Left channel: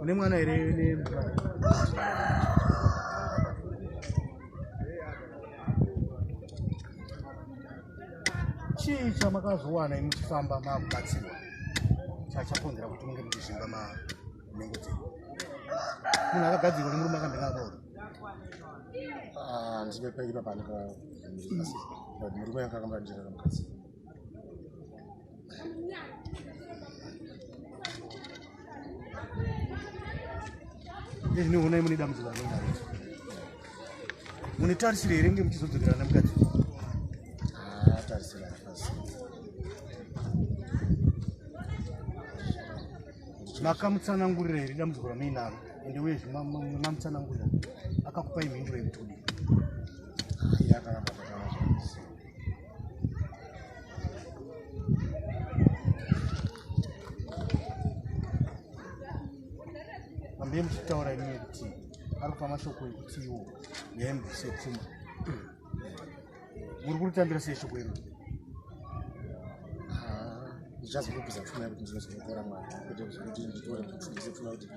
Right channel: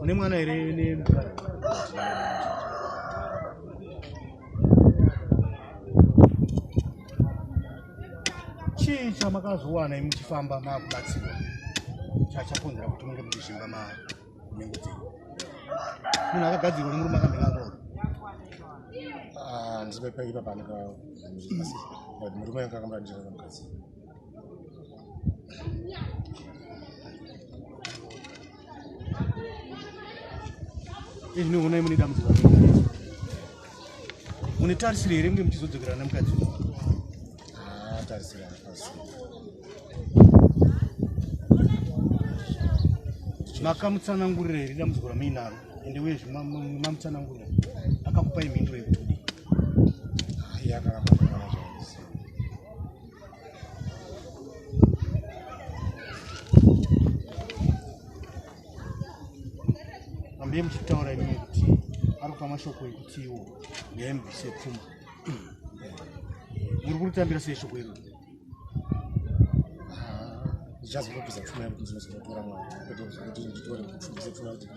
Une mwana ere ne chii chamakazowana muchifamba makubatsirwa chachakonzera kuti munge muchishimba manhengo dzenyu. Munhu akagadzirwa nemurume akamira akaora. Ndizipe ipa panika murume akamira njira kamukadzi. Izvi nihonai mune dambudziko mune tarisiro here kunge muchizodzokerana nemukadzi? Tarisira pasi. Makamutsanangurira here dambudziko ramuinaro ende uye mamutsanangurira akakupai mhinduro yekuti kudii? Iye akangapandakana zvaizvo. Mambe muchitaura imwe kuti ari kupa mashoko ekuti iwo yaembvise pfuma. Muri kuritambira sei shoko iroro? Ndichazongobvisa pfuma yakuti ndinozotora mwana kwete kuti nditore kupfundise pfuma kuti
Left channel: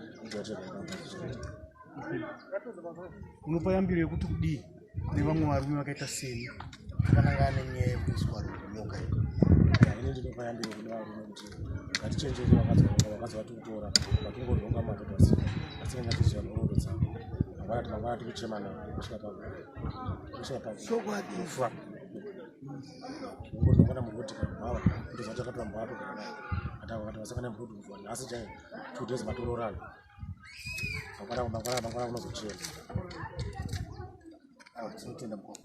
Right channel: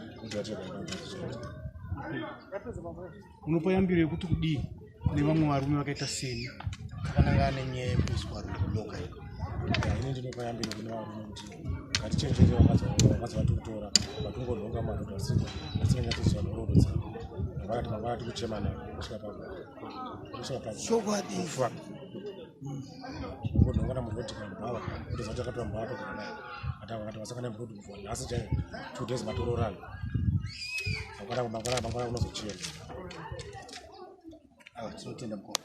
unopa yambiro yekuti kudii kune vamwe varume vakaita seni akanangana nenyaya yekuiswa nyoka iko? Ine ndinopa yambiro kune varume kuti ngatichenjere vakazi kutora vatongodhonga madhodha asi ngatiziva nhoroondo dzavo mangwana tikuchemana kusvika pakufa ngodhongana murikotika mbava kutozati akatora mbava atogara naye akati vasakana murodi kufa nhasi chai 2 days matororana mangwana kunozochema. Tinotenda mukoma.